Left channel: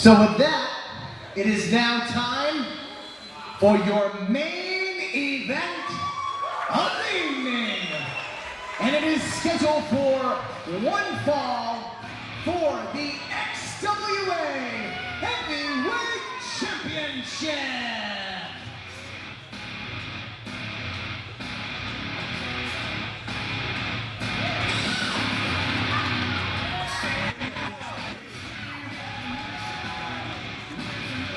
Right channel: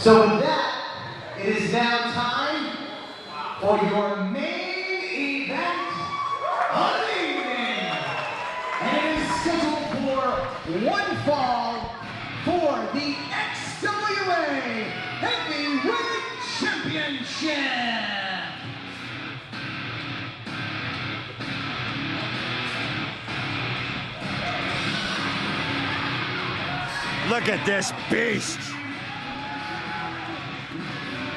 So with that, it is now time for your main event of the evening. And it is scheduled for one fall for the XWA Heavyweight Championship. Look at this beast.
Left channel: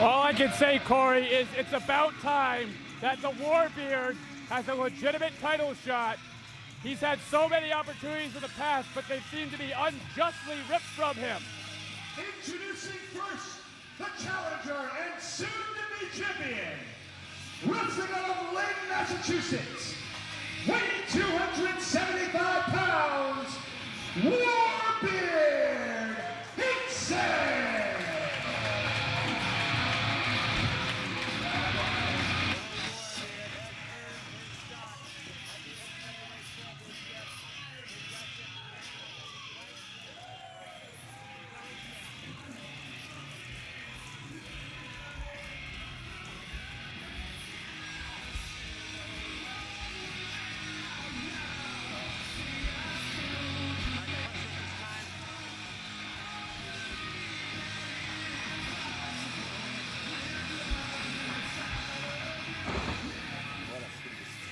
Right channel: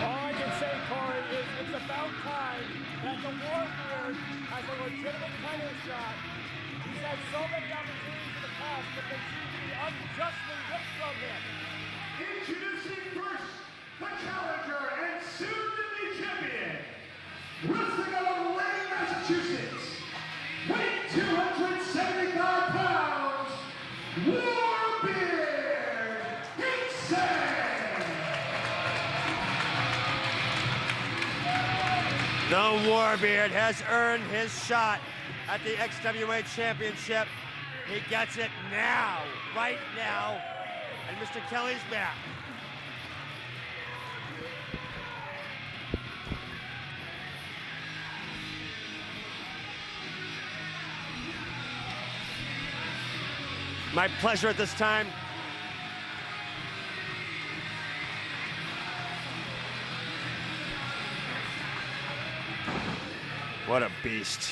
All I can say, Corey, is it's about time that the Warbeard has a legitimate title shot. He's had so many opportunities in the past, but they seem to be unjustly ripped from him. Introducing first, the challenger and soon-to-be champion, wrestling out of Lynn, Massachusetts, weighing 275 pounds, Warbeard. The Warbeard has earned his shot at the XWA Championship. He gets it now, right now, and Mr. Kelly's back. My pleasure at this time. What a beast.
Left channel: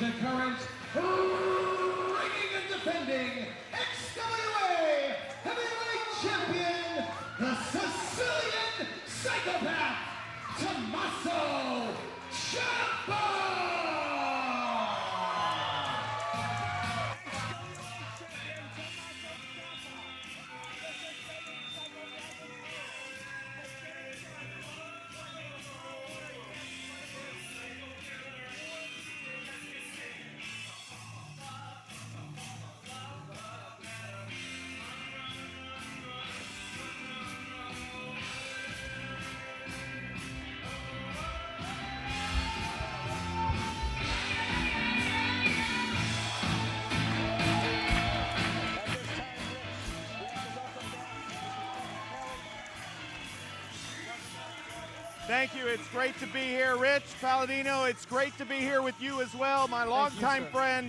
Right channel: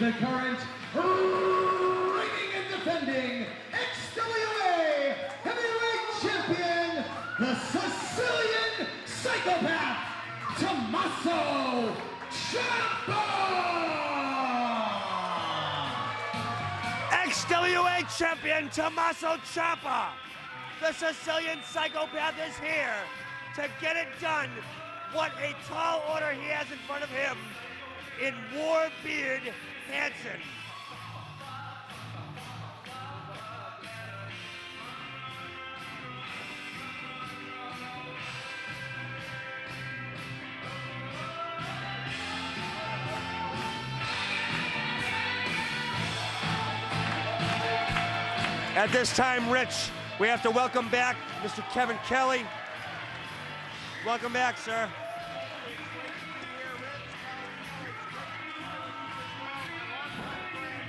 The current reigning and defending XWA Heavyweight Champion, the Sicilian Psychopath, Tommaso Ciampa! XWA Champion Tommaso Ciampa! The Sicilian Psychopath is here to get it done. What a tall order he has in front of him in Warbeard Hansen. At this time, Rich, we have to welcome back Mr. Kevin Kelly. Welcome back, sir. Thank you. It's great to be here, Rich Palladino. It's great to be here with you as well, my longtime friend.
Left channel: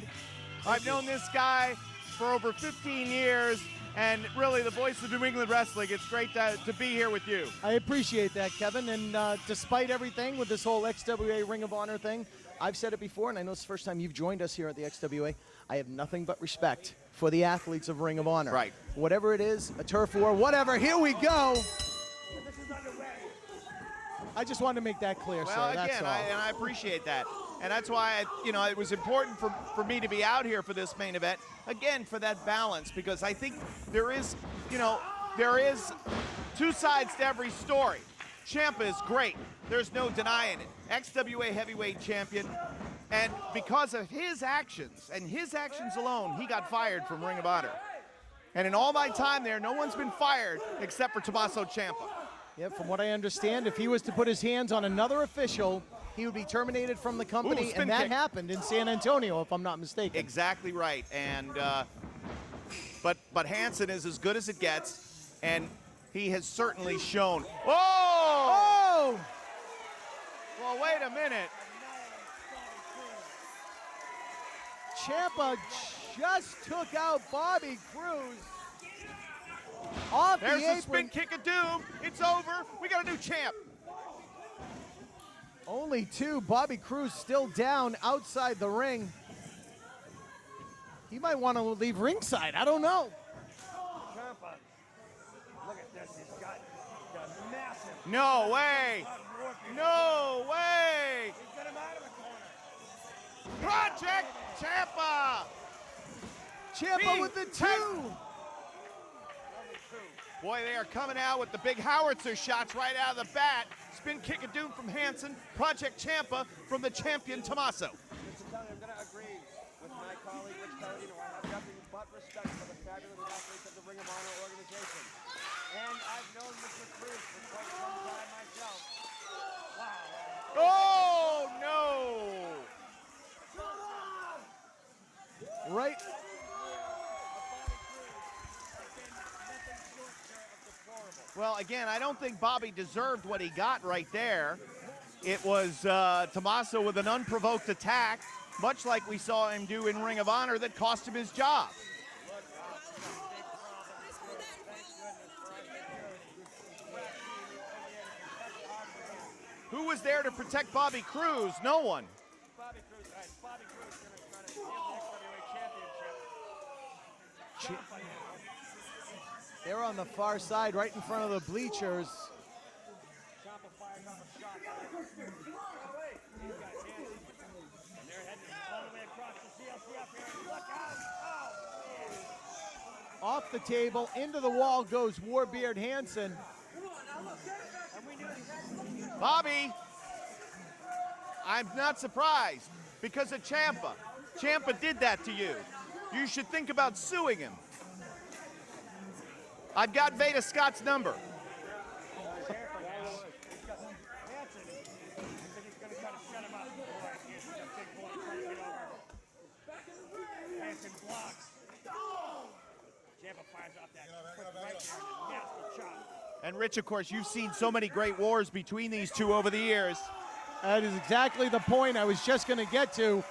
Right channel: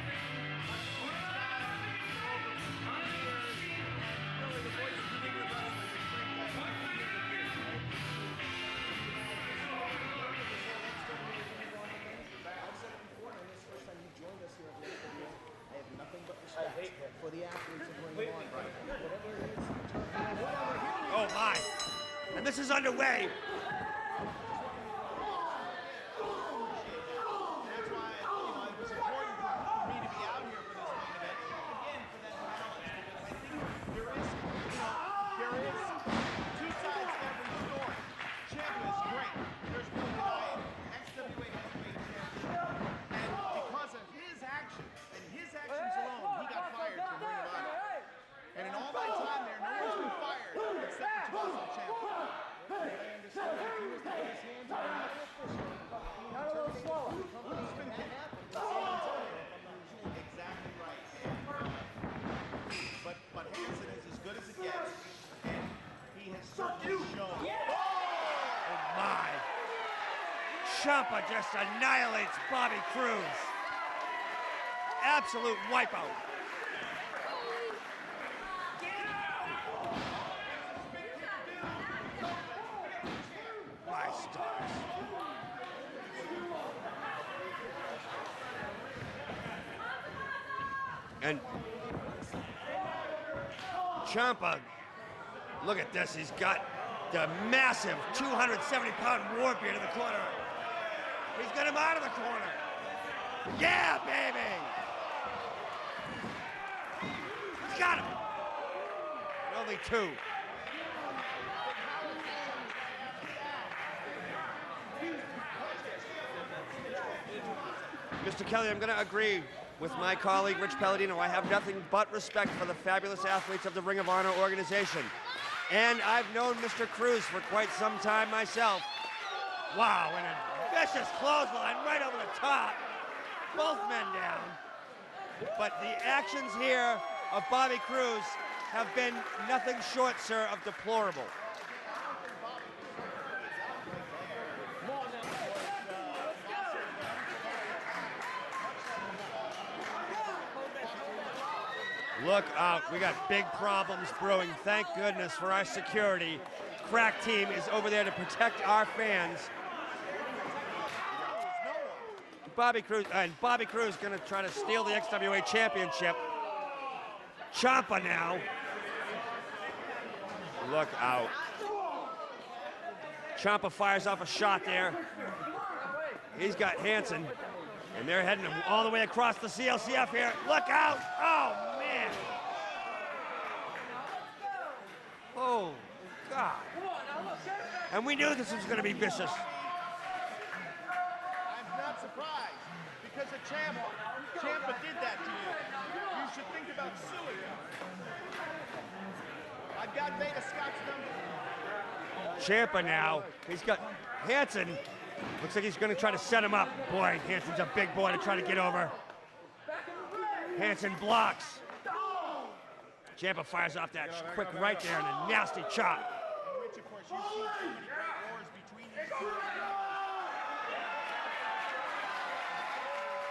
I've known this guy for over 15 years, and really the voice of New England wrestling. It's great to be here with you. I appreciate that, Kevin. And despite everything with this whole XWA Ring of Honor thing, I've said it before, and I know it's the first time you've joined us here at the XWA. I have nothing but respect for the athletes of Ring of Honor. Right. Whatever it is, a turf war, whatever. Here we go. And this is underway. I just wanted to make that clear, sir. Well, That's again, all. I appreciate that. And that's why, it was important for me to be out here for this main event, again, for that balance, because I think there is two sides to every story. Ciampa is great. There's no denying it. XWA Heavyweight Champion. And because of his actions, and his actions alone, he got fired from Ring of Honor. And in all my time there, no one's been fired except for Tommaso Ciampa. Yeah, from what I understand, if he was to put his hands on another official, he would be terminated from the company, Ooh, and that kick. happened in San Antonio, if I'm not mistaken. Exactly right. And but Hansen is as good as it gets, and he has certainly shown. Oh! Well, wait a Ciampa minute. just annihilates Bobby Cruz. Ciampa Absolute wipeout. just took out Bobby Cruz. Off There's the the spin apron. kick of doom. It's over. We got a new champ. Only two. Bobby Cruz still down outside the ring. He might want to leave ringside. I don't know. Ciampa Look at this. He's got the massive No 270-pound Warbeard in the corner. No way! He's got him out of the corner. Yeah, baby! Ciampa! Ciampa with the Got him. Only two. Boy, they are coming out with the big howitzer shots right out of the bat. Spin kick of doom from Hansen. Project Ciampa from the champion Tommaso. Mr. Kelly, I'm going to agree with my colleague, Rich Palladino. I have nothing but respect for the fabulous athletes of the Ring of Honor organization. And I've known Mr. Cruz for quite some time myself. Wow, and a vicious clothesline right over the top. Both men down. But the actions here of Bobby Cruz have been nothing short, sir, of deplorable. Well, again, I don't think Bobby deserved what he got right there. It was Tommaso with an unprovoked attack, much like we saw him do in Ring of Honor, that cost him his job. Look out, we got big problems brewing. Thank goodness for our security. Crack team is over there to protect our fans. Who was there to protect Bobby Cruz? No one. Bobby Cruz gonna try to steal the XWA championship. Ciampa now. They're on the far side, Look right in front of the bleachers. Ciampa fires off a shot there. He's got Hansen, and they're heading him all the way across the CLCF here. Look out! Oh, man! Off the table, into the wall goes Warbeard Hansen. And we knew this was gonna be vicious. Bobby, I'm not surprised because of Ciampa. Ciampa did that to you. You should think about suing him. I've got Veda Scott's number. Ciampa now. He's got Hansen. Looks like he's going to try to set him up. Boy, Hansen's a big boy to try to get over. Hansen blocks. Ciampa fires off that quick right there and a nasty chop. And Rich, of course, you've seen so many great wars between these two over the years. That is exactly the point I was just going to get to.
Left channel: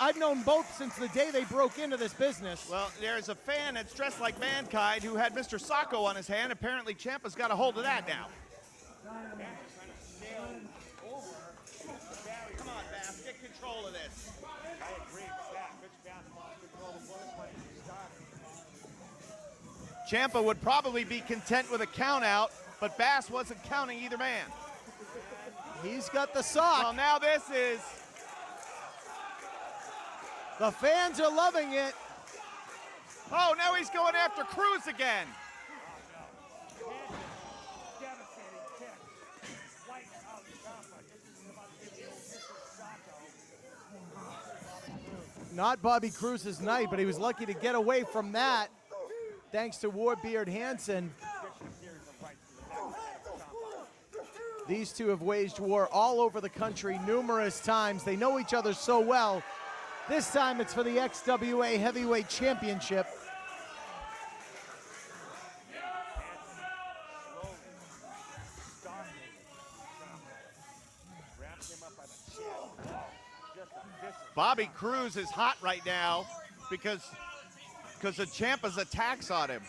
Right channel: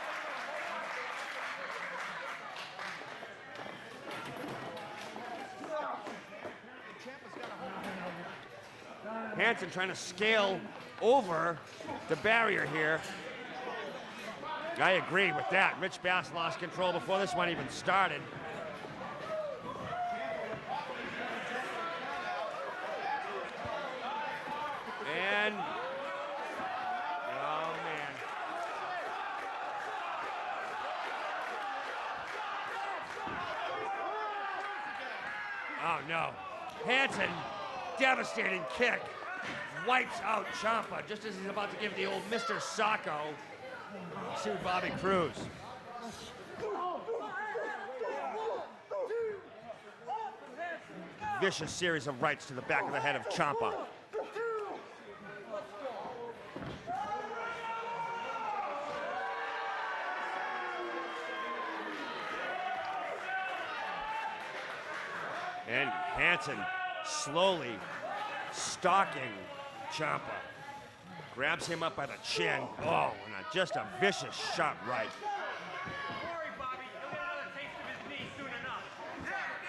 I've known both since the day they broke into this business. Well, there's a fan that's dressed like Mankind who had Mr. Sacco on his hand. Apparently, Ciampa's got a hold of that now. Hansen trying to scale over the barrier here. I agree with that. Rich Bass lost control before this one even started. Ciampa would probably be content with a count out, but Bass wasn't counting either man. And He's got the sock. Well, now this is... The fans are loving it. Oh, now he's going after Cruz again. oh no. Hansen, devastating kick. Wipes out Ciampa just as he's about to give the old Mr. Sacco to Bobby Cruz. Not Bobby Cruz's night, but he was lucky to get away from that thanks to Warbeard Hansen. Vicious series of rights to the back of the head of Ciampa. These two have waged war all over the country numerous times. They know each other so well. This time it's for the XWA Heavyweight Championship. And Hansen slowly stalking Ciampa. Grabs him up by the chin. Oh, and just a vicious Bobby shot. Cruz right. is hot right now because of Ciampa's attacks on him.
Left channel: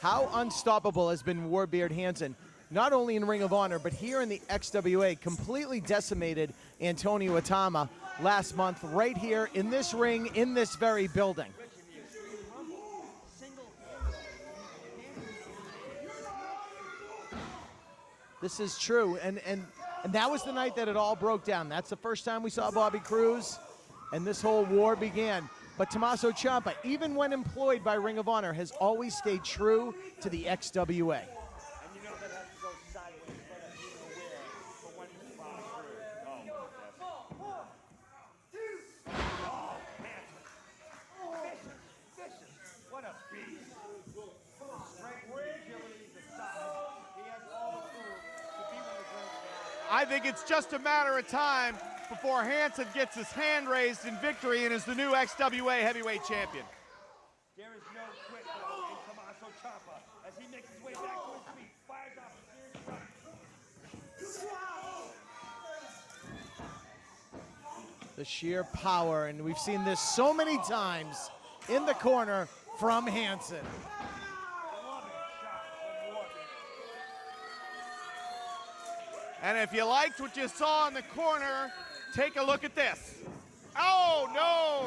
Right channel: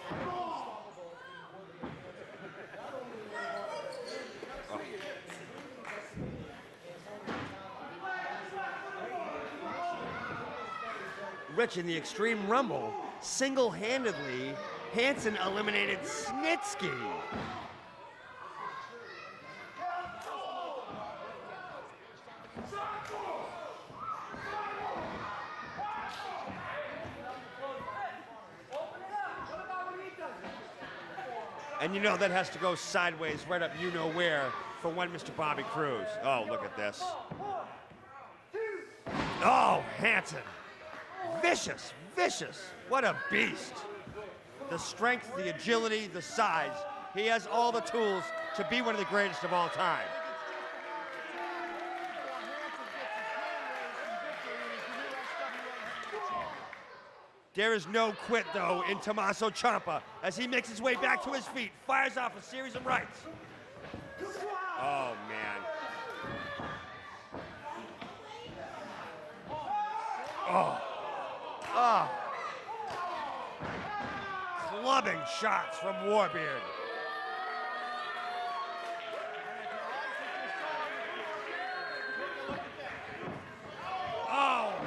How unstoppable has been Warbeard Hansen, not only in Ring of Honor, but here in the XWA, completely decimated Antonio Atama last month, right here in this ring, in this very building. Rich, in the Extreme Rumble, single-handedly, Hansen eliminated Snitsky. This is true, and that was the night that it all broke down. That's the first time we saw Bobby Cruz, and this whole war began. But Tommaso Ciampa, even when employed by Ring of Honor, has always stayed true to the XWA. And you know that has to go sideways right up you-know-where for one Mr. Bobby Cruz. Oh, look at this. Oh, Hansen. Vicious, vicious. What a beast. The strength, the agility, the size. He has all the tools to be one of the greatest of all time. I think it's just a matter of time before Hansen gets his hand raised in victory and is the new XWA Heavyweight Champion. There is no quit, though, in Tommaso Ciampa as he makes his way back to his feet, fires off a series of rights. Oh, man. The sheer power, and we've seen this so many times in the corner from Hansen. Clubbing shots from Warbeard. And if you liked what you saw in the corner, take a look at this. Oh, no!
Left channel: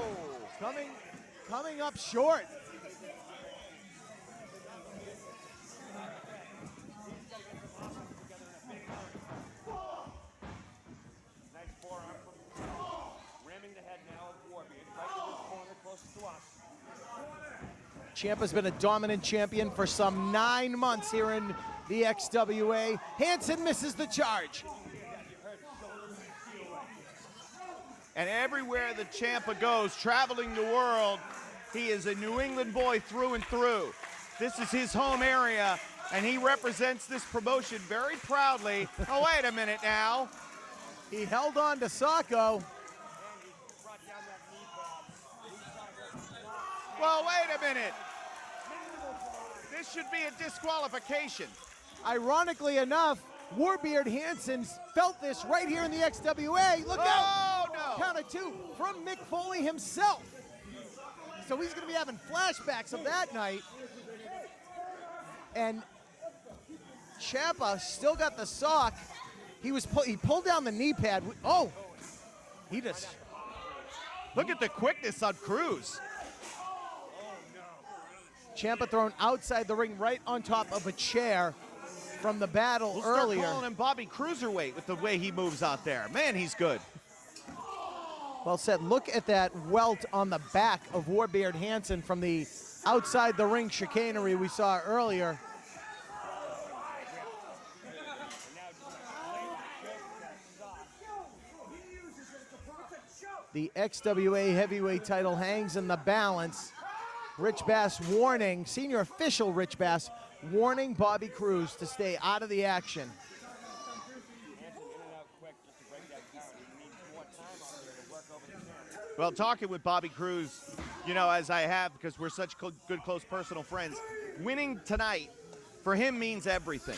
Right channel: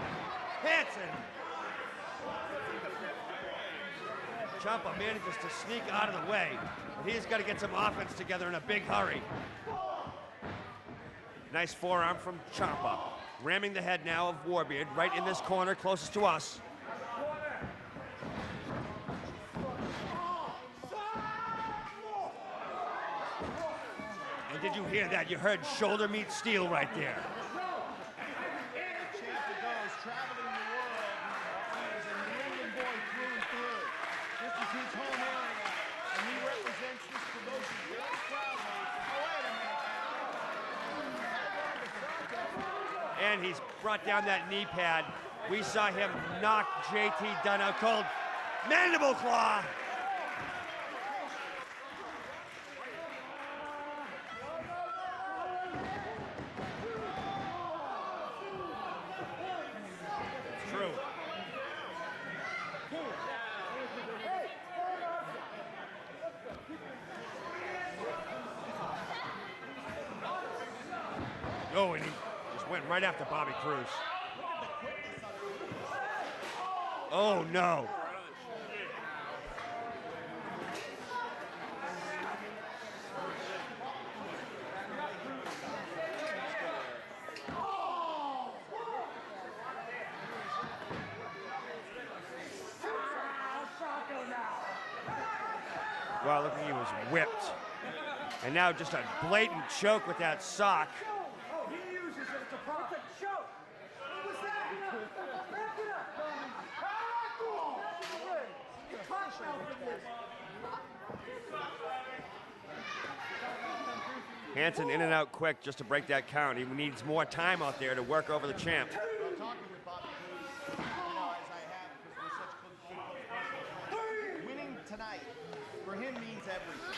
Hansen. Coming up short. Ciampa manages to sneak out of the way. He's got to get some offense together in a big hurry. Nice forearm from Ciampa. Ramming the head now of Warbeard right in this corner closest to us. Ciampa's been a dominant champion for some 9 months here in the XWA. Hansen misses the charge. Did you hear that? You heard shoulder meet steel right there. And everywhere that Ciampa goes, traveling the world, he is a New England boy through and through. This is his home area, and he represents this promotion very proudly. Oh, wait a minute now. He held on to Sacco. And he's brought down that knee pad. We saw him knock JT wait a down a minute. cold mandible claw. This should be a disqualification. Ironically enough, Warbeard Hansen felt this right here in the XWA. Look out! no. Count of 2 from Mick Foley himself. True. So he's going to be having flashbacks of that night. And Ciampa still got the sock. He pulled down the knee pad. Oh, Oh, and he just went right after Bobby Cruz. Look at the quickness on Cruz. Oh, no. Ciampa thrown outside the ring right on top of a chair from the battle earlier. Calling him Bobby Cruiserweight with the way he moves out there. Man, he's good. Well said. Look at that welt on the back of Warbeard Hansen from the outside the ring chicanery we saw earlier. Well, look, he was whipped. And now just a blatant choke with that sock. The XWA heavyweight title hangs in the balance. Rich Bass warning, senior official Rich Bass, warning Bobby Cruz to stay out of the action. Hansen in and out quick just to break that count. He needs more time out there to work over the champ. Well, talking with Bobby Cruz, you know, as I have, because we're such good, close personal friends, winning tonight for him means everything.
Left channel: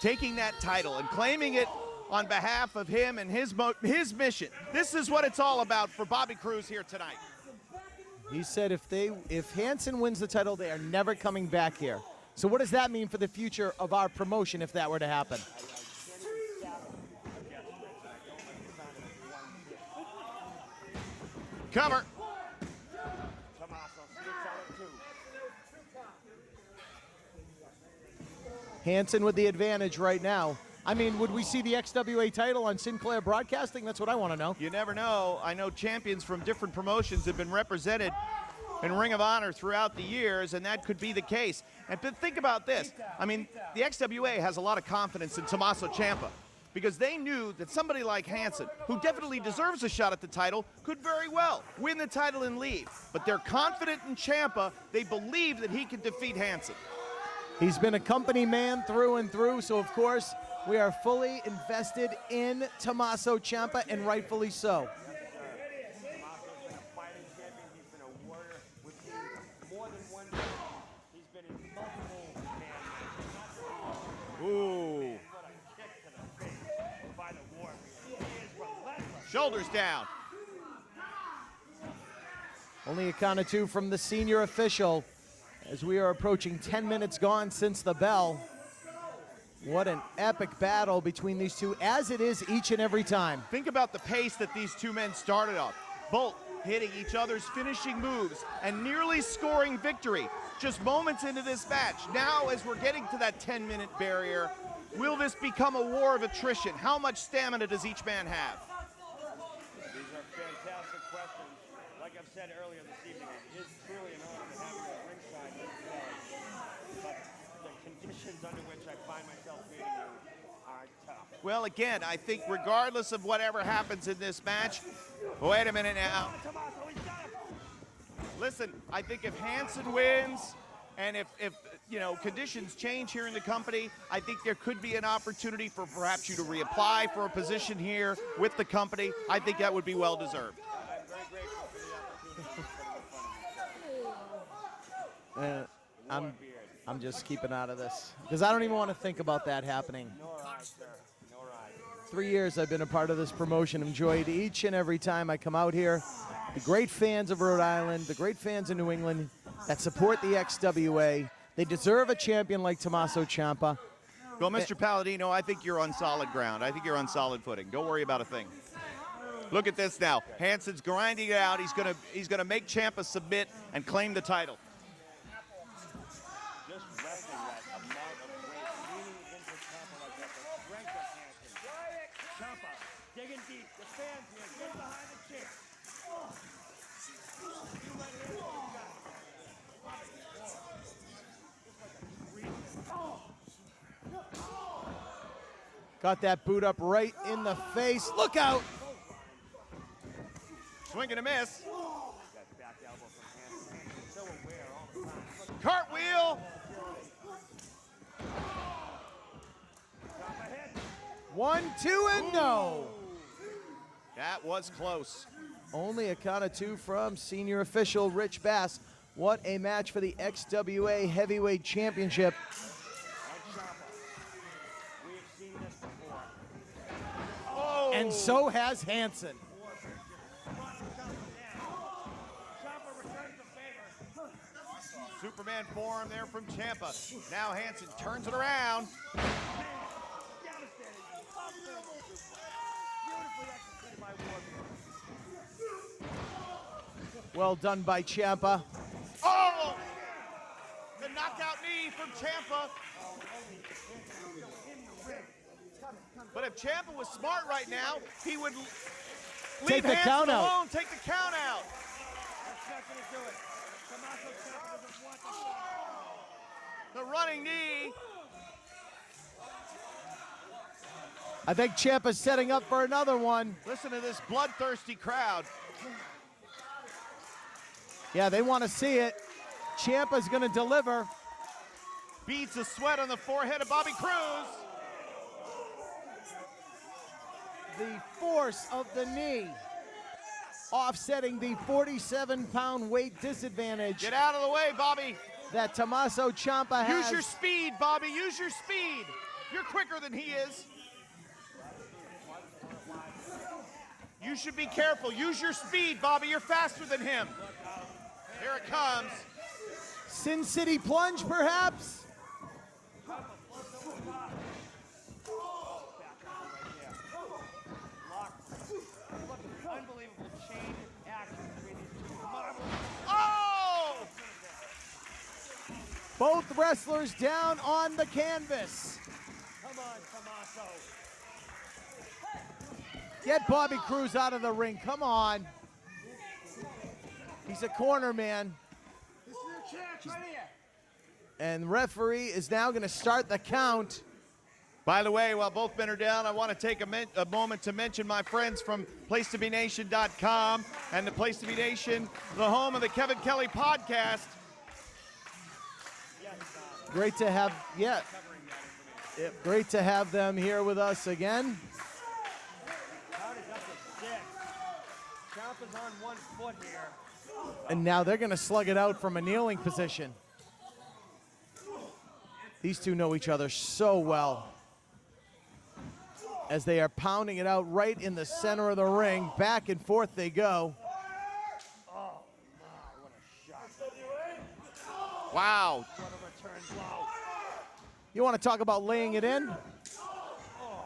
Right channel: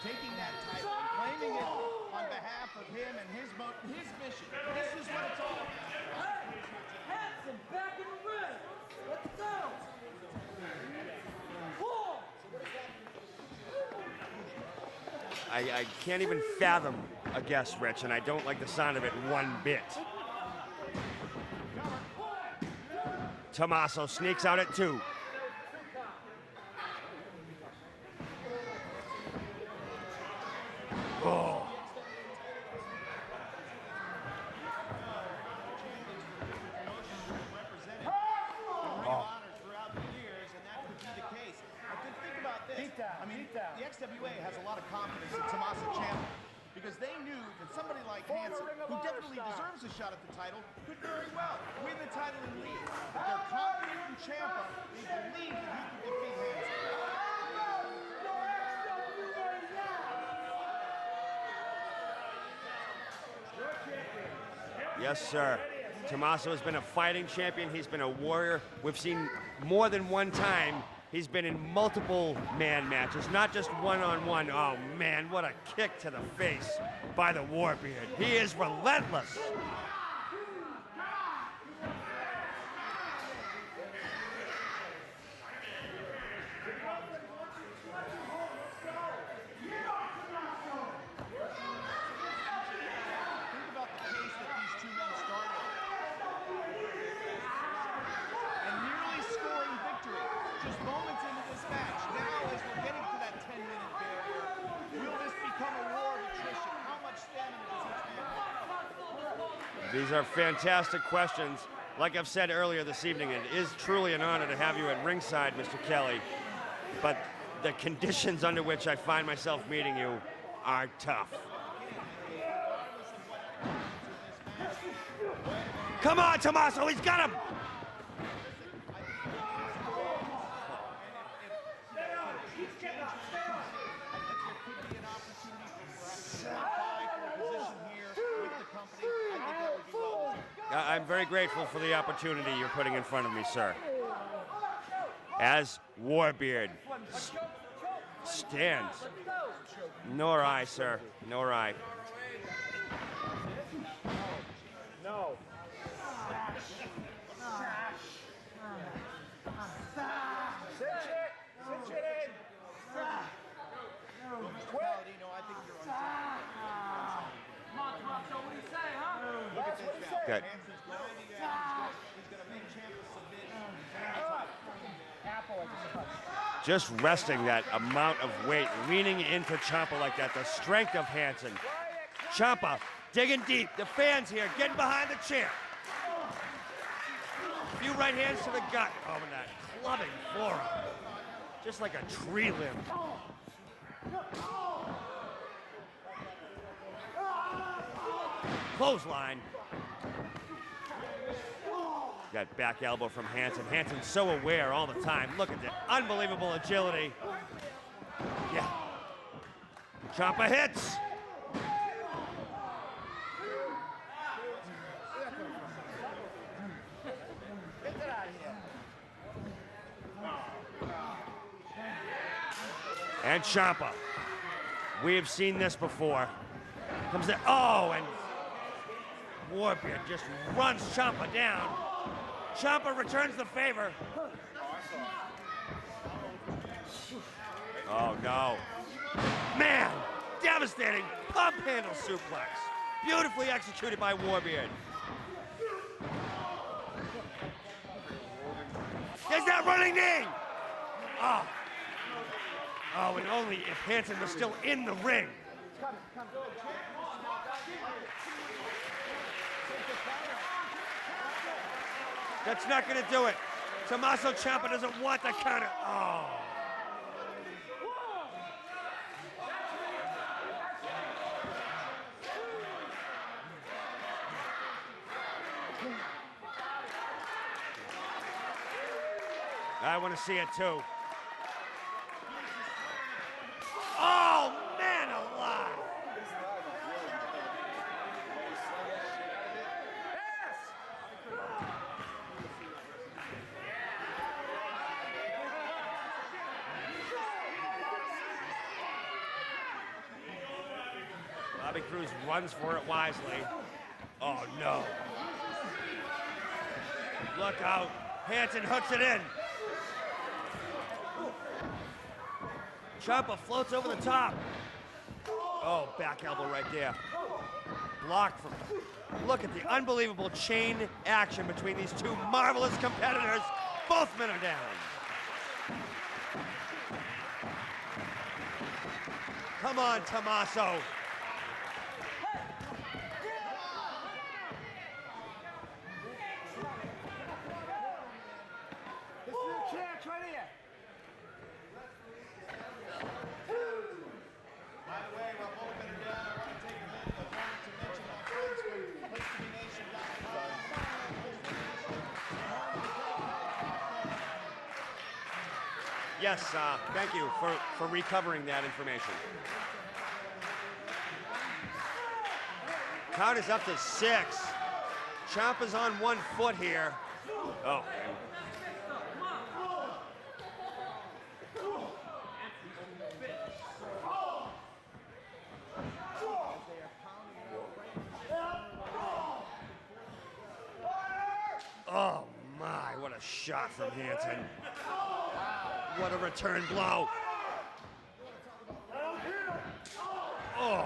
Taking that title and claiming it on behalf of him and his mission. This is what it's all about for Bobby Cruz here tonight. He said if Hansen wins the title, they are never coming back here. So what does that mean for the future of our promotion if that were to happen? I can't even fathom a guess, Rich, and I don't like the sound of it one bit. Cover. Tommaso sneaks out at 2. Hansen with the advantage right now. I mean, would we see the XWA title on Sinclair Broadcasting? That's what I want to know. You never know. I know champions from different promotions have been represented in Ring of Honor throughout the years, and that could be the case. And think about this. I mean, the XWA has a lot of confidence in Tommaso Ciampa because they knew that somebody like Hansen, who definitely deserves a shot at the title, could very well win the title and leave. But they're confident in Ciampa. They believe that he can defeat Hansen. He's been a company man through and through, so of course, we are fully invested in Tommaso Ciampa, and rightfully so. Yes, sir. Tommaso has been a fighting champion. He's been a warrior. We've seen more than one time. He's been in multiple man matches, not just one-on-one. Oh, man, what a kick to the face by the Warbeard. He is relentless. Shoulders down. Only a count of 2 from the senior official as we are approaching 10 minutes gone since the bell. What an epic battle between these two, as it is each and every time. Think about the pace that these two men started on. Both hitting each other's finishing moves and nearly scoring victory just moments into this match. Now, as we're getting to that 10-minute barrier, will this become a war of attrition? How much stamina does each man have? These are fantastic questions. Like I've said earlier this evening, it is truly an honor to have you at ringside, Mr. Kelly. But the conditions under which I find myself meeting you are tough. Well, again, I think regardless of whatever happens in this match, wait a minute now. Come on, Tommaso, he's got him! Listen, I think if Hansen wins, and if you know, conditions change here in the company, I think there could be an opportunity for perhaps you to reapply for a position here with the company. I think that would be well deserved. I'm very grateful for the opportunity you're putting in front of me, sir. As Warbeard. I'm just keeping out of this because I don't even want to think about that happening. Nor I, sir. Nor I. 3 years I've been a part of this promotion, enjoyed each and every time I come out here. The great fans of Rhode Island, the great fans of New England that support the XWA. They deserve a champion like Tommaso Ciampa. Well, Mr. Palladino, I think you're on solid ground. I think you're on solid footing. Don't worry about a thing. Look at this now. Okay. Hansen's grinding it out. He's gonna make Ciampa submit and claim the title. Just resting that amount of weight, leaning into Ciampa like that, the strength of Hansen. Ciampa digging deep, the fans here getting behind the chair. A few right hands to the gut. Oh, and that clubbing forearm. Just like a tree limb. Got that boot up right in the face. Look out! Clothesline. Swing and a miss. Got back elbow from Hansen. Hansen's so aware all the time. Look at that Cartwheel. unbelievable agility. Yeah. Ciampa hits. 1, 2, and no. That was close. Only a count of 2 from senior official Rich Bass. What a match for the XWA Heavyweight Championship. And Ciampa. We have seen this before. Comes in. Oh, And so has Hansen. Warbeard just runs Ciampa down. Ciampa returns the favor. Superman forearm there from Ciampa. Now Hansen turns no. around. Man, devastating pump handle suplex. Beautifully executed by Warbeard. Well done by Ciampa. There's that running knee. The knockout knee from Ciampa. Oh, and only if Hansen was still in the ring. But if Ciampa was smart right now, he would Take leave the Hansen count out. alone, take the count out. That's not going to do it. Tommaso Ciampa doesn't want the counter. Oh. The running knee. I think Ciampa's setting up for another one. Listen to this bloodthirsty crowd. Yeah, they want to see it. I wanna Ciampa's see going it to too. deliver. Beats the sweat on the forehead of Bobby Cruz. Oh, man alive. The force of the knee. Offsetting the 47-pound weight disadvantage Get out of the way, Bobby. that Tommaso Ciampa has. Use your speed, Bobby. Use your speed. You're quicker than he is. Bobby Cruz runs for it wisely. You should be careful. Use your speed, Bobby. You're faster than him. Look out. Hansen hooks it in. Sin City plunge, perhaps? Ciampa floats over the top. Oh, back elbow right there. Blocked from. Look at the unbelievable chain action between these two marvelous competitors. Both men are down. Both wrestlers down on the canvas. Come on, Tommaso. Get Bobby Cruz out of the ring. Come on. He's a corner man. This is your chance right here. And referee is now going to start the count. By the way, while both men are down, I want to take a moment to mention my friends from PlaceToBeNation.com and the Place to Be Nation, the home of the Kevin Kelly podcast. Yes, Great thank to you have- for yeah. recovering that information. Great to have them here with us again. Count is up to 6. Ciampa's on 1 foot here. And now they're going to slug it out from a kneeling position. These two know each other so well. As they are pounding it out right in the center of the ring. Back and forth they go. Oh my, what a shot from Hansen. Wow. What a return blow. You want to talk about laying it in? Oh.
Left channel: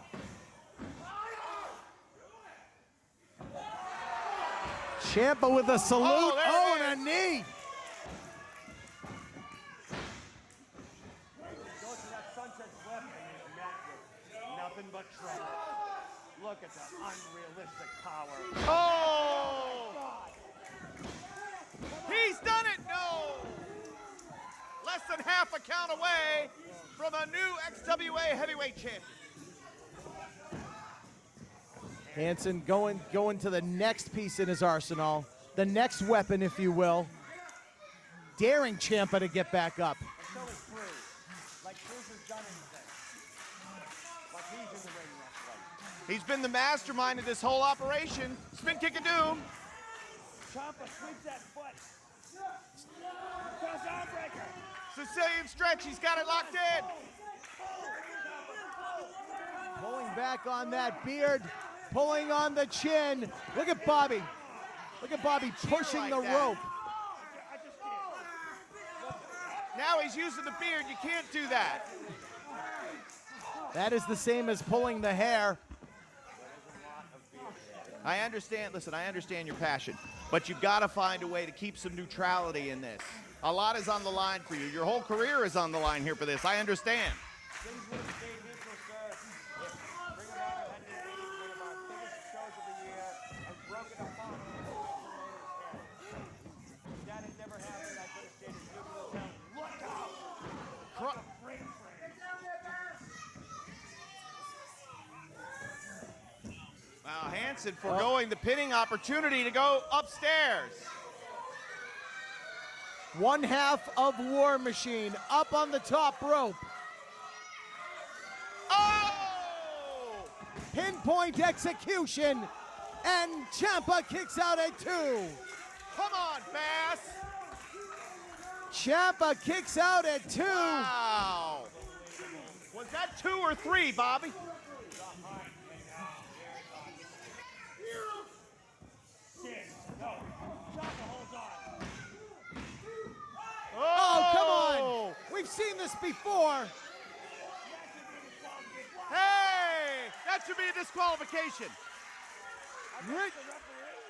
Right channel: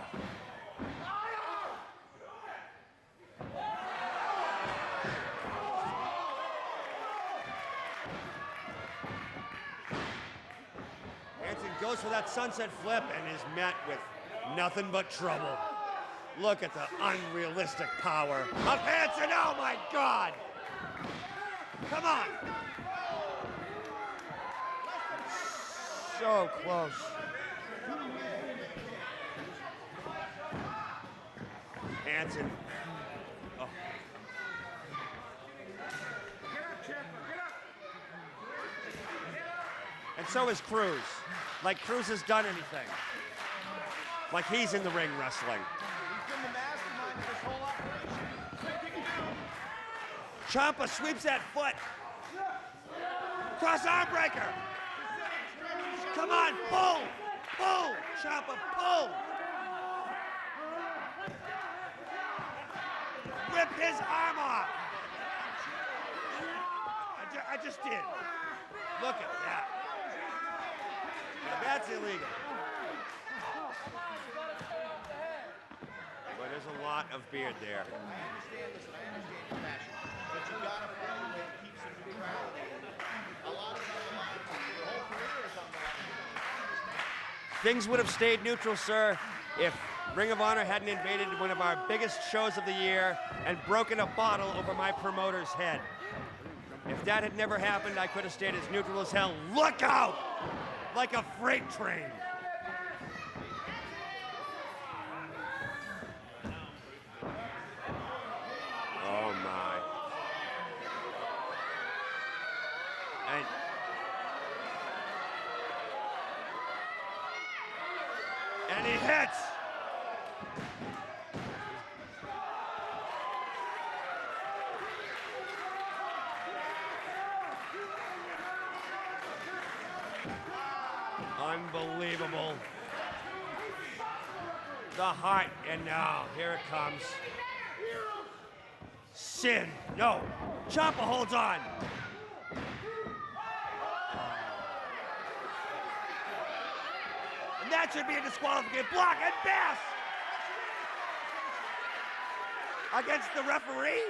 Ciampa with a salute. Oh, there it And a knee. Hansen goes for that sunset flip and is met with nothing but trouble. Look at the unrealistic power of Hansen. Oh my God. Come on. He's done it. No. Less than half a count away. So close. For the new XWA heavyweight champ. Hansen going to the next piece in his arsenal. The next weapon, if you will. Daring Ciampa to get back up. And so is Cruz. Like Cruz has done anything. Like he's in the ring wrestling. He's been the mastermind of this whole operation. Spin kick of doom. Ciampa sweeps that foot. Cross arm breaker. Sicilian stretch. He's got it Come on, locked in. pull. Pull. Ciampa, pull. Pulling back on that beard. Pulling on the chin. Look at Rip his Bobby. arm off. Look at Bobby pushing the rope. I just did. Look at that. Now he's using the beard. You can't do that. That's illegal. That is the same as pulling the hair. But there's a lot lot of beard there. I understand, listen, I understand your passion, but you gotta find a way to keep some neutrality in this. A lot is on the line for you. Your whole career is on the line here for this, I understand. Things would have stayed neutral, sir, if Ring of Honor hadn't invaded one of our biggest shows of the year and broken a bottle over my promoter's head. If that had never happened, I could have stayed as neutral as hell. Look out! Like a freight train. Wow, Hanson foregoing the pinning opportunity to go upstairs. One half of War Machine up on the top rope. And he hits. Pinpoint execution, and Ciampa kicks out at 2. Come on, Bass. Ciampa kicks out at 2. Wow. Unbelievable. Was that 2 or 3, Bobby? The height, and now, here it comes. Sin. No. Ciampa holds on. Oh, come on. We've seen this before. And that should be a disqualification. Block Hey, and death that should be a disqualification. against the referee.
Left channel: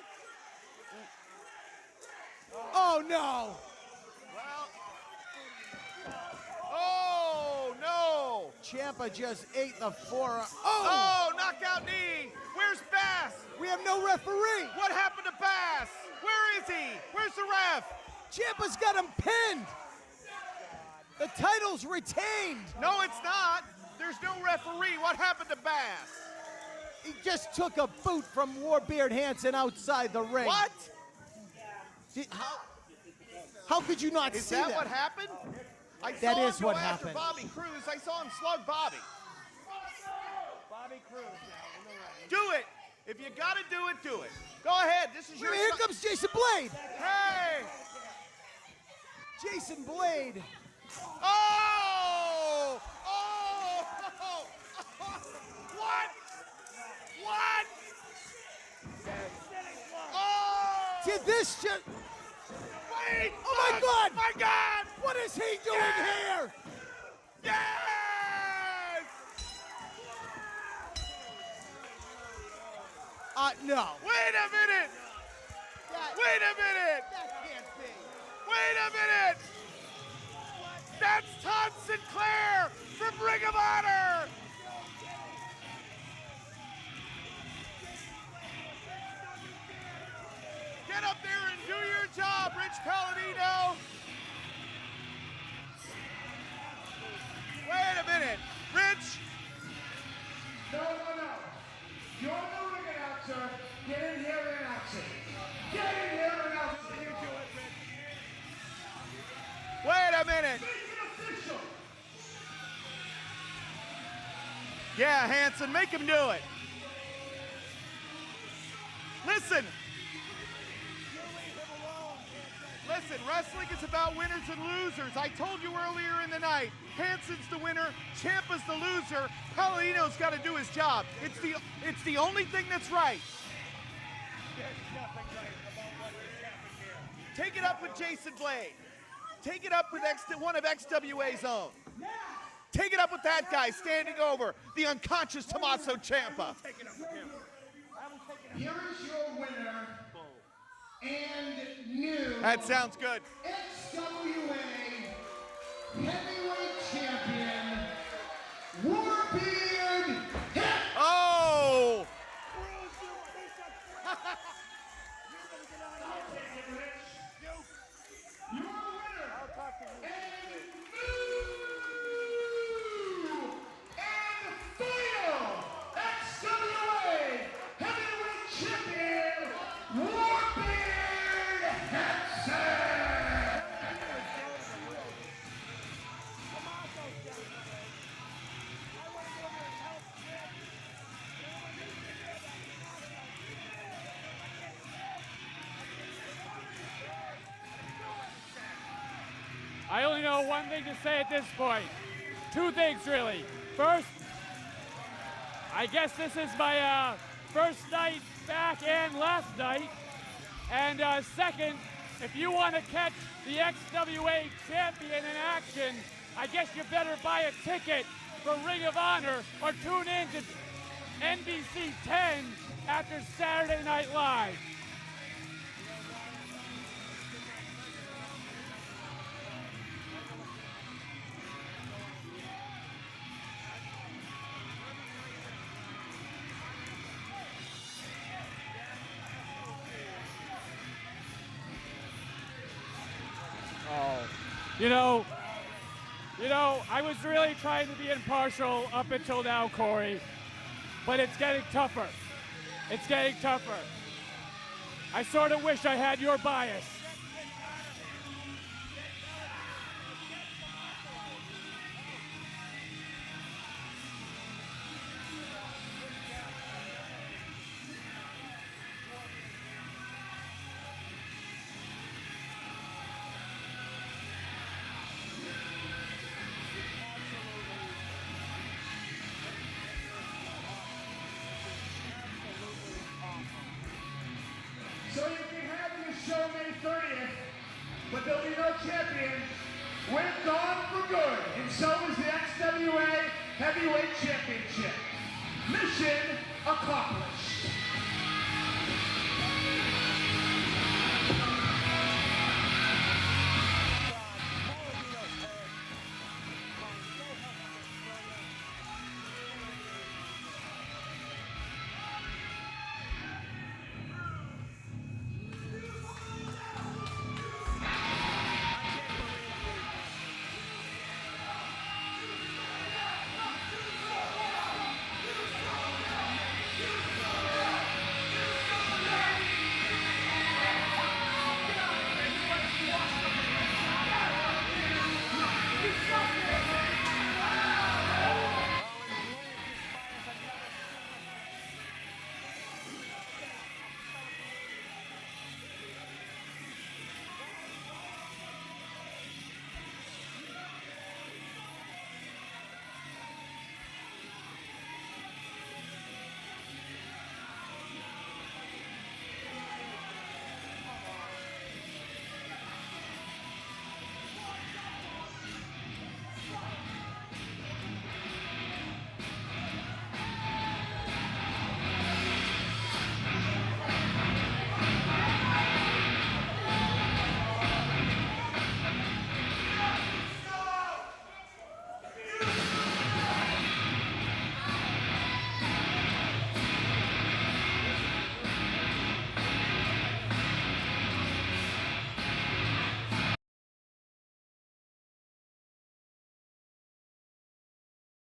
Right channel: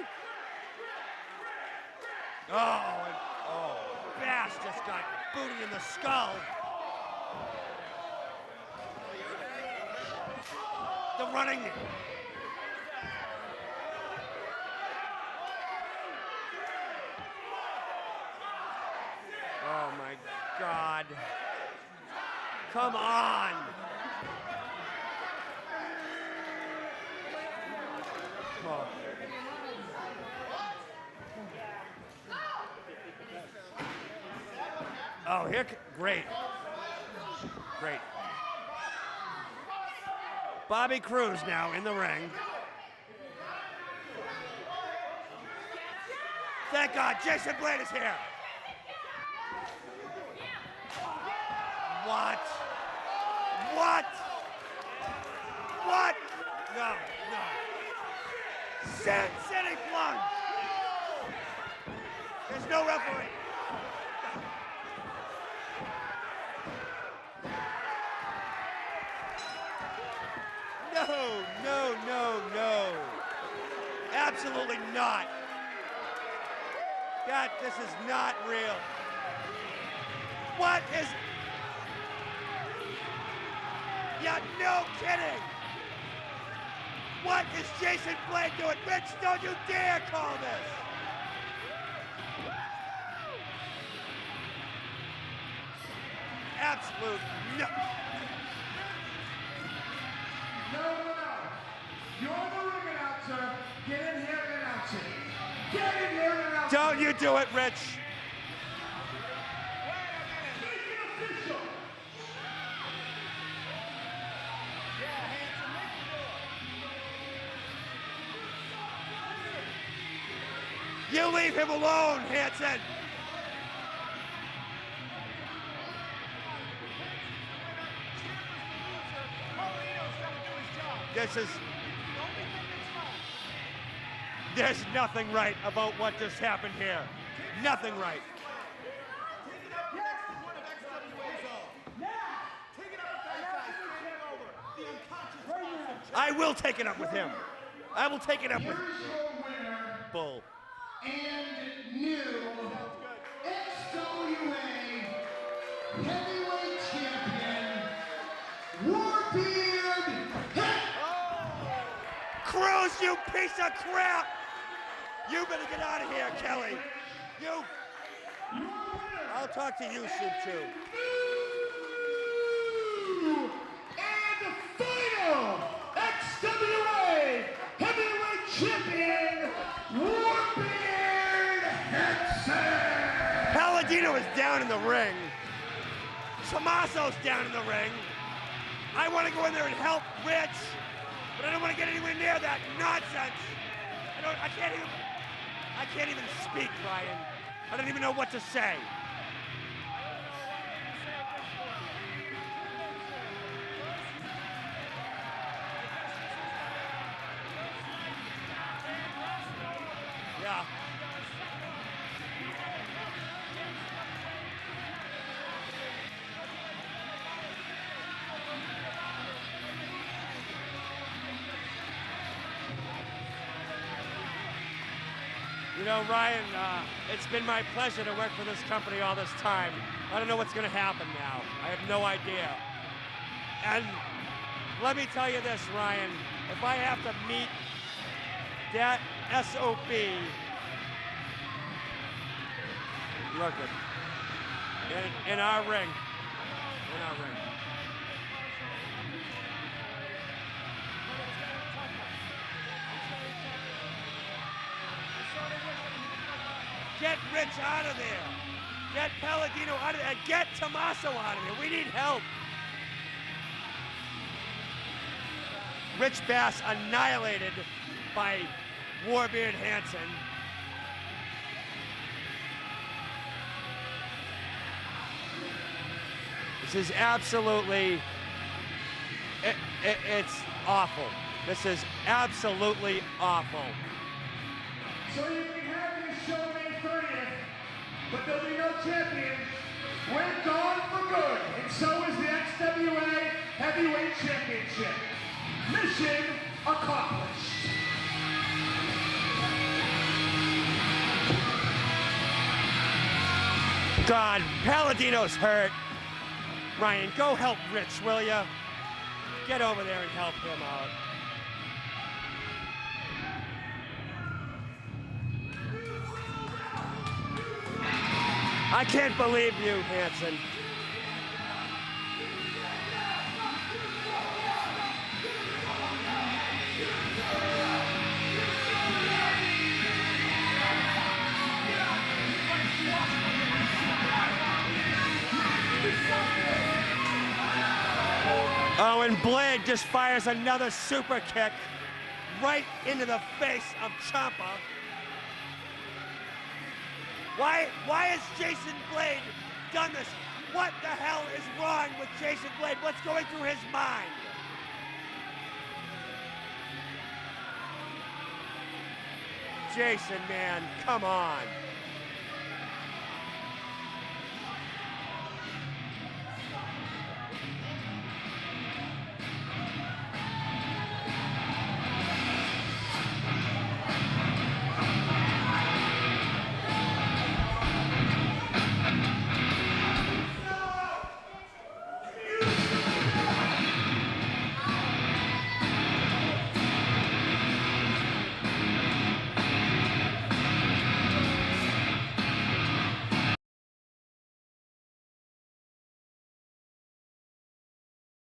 Oh, no. Bass just got booted in the skull. Oh, no. Ciampa just ate a forearm. Oh, the running- knockout knee. Where's Bass? We have no referee. What happened to Bass? Where is he? Where's the ref? Ciampa's got him pinned. Oh my God. The title's retained. Come No, it's on. not. There's no referee. What happened to Bass? He just took a boot from Warbeard Hanson outside the ring. What? How could you not Is see that that? what happened? Oh, here, great. That I saw is him what slug happened. Bobby Cruz. Great. I saw him slug Bobby. Bobby Cruz now in the ring. Do it. If you gotta do it, do it. Go ahead. This is your Here comes Jason Blade. Thank God, Jason Blade is here. Jason Blade. Oh! What? Oh! What? What? No. Sitting block. Oh! Did this just... There's no referee. Oh, my God. My God! What is he doing here? No. No. Wait a Absolutely minute! not. Wait a minute! God, this is not Wait real. a minute! What is... That's Todd Sinclair from Ring of Honor! Yeah, no kidding. What is Jason Blade doing? Rich, don't you dare call this. Get up there and do your job, Rich Palladino! Absolute. No. Wait a minute! Rich! No. You're the ring announcer. Get in here and announce it. Get in here and announce it. Don't you do it, Rich. Wait a minute! Yeah, Hanson, make him do it. Listen, You leave him alone, Hanson. listen, wrestling is about winners and losers. I told you earlier in the night, Hanson's the winner, Ciampa's the loser, Palladino's got to do his job. This is- It's the only thing that's right. There's nothing right about what just happened here. Take it Nothing up with right. Jason Blade. Take it up with one of XWA's own. Take it up with that guy standing over the unconscious Tommaso I Ciampa. will take it up with him. I will take it up with Here's your winner Bull. and new That sounds good. XWA Heavyweight Champion, Warbeard. Oh! Cruz, you piece of crap! You better get out of here, Kelly. You. I'll talk to you soon, too. And final XWA Heavyweight Champion, Warbeard Hanson. Palladino is down in the ring. Tommaso's down in the ring. I want to go in there and help Rich, but I don't want to get anywhere near that nonsense. I can't even speak, Ryan. I don't even know what to say. I only know one thing to say at this point. Two things, really. First, I guess this is my first night back and last night. Yeah. And second, if you want to catch the XWA champion in action, I guess you better buy a ticket for Ring of Honor or tune in to NBC 10 after Saturday Night Live. You know, Ryan, it's been my pleasure to work for this company all this time. I don't know what's going to happen now. I have no idea. And let me tell you this, Ryan. If I have to meet that SOB, look at You know, in our ring. You know, I was really trying to be impartial up until now, Corey, but it's getting tougher. It's getting tougher. I sort of wish I had your bias. Get Rich out of there. Get Palladino out of there. Get Tommaso out of there. We need help. Rich Bass annihilated by Warbeard Hansen. This is absolutely, it's awful. This is absolutely awful. So you can have your show May 30th, but there'll be no champion. We're gone for good, and so is the XWA Heavyweight Championship. Mission accomplished. God, Palladino's hurt. Ryan, go help Rich, will ya? Get over there and help him out. I can't believe you, Hansen. Oh, and Blade just fires another super kick right into the face of Ciampa. Why has Jason Blade done this? What the hell is wrong with Jason Blade? What's going through his mind? Jason, man, come on.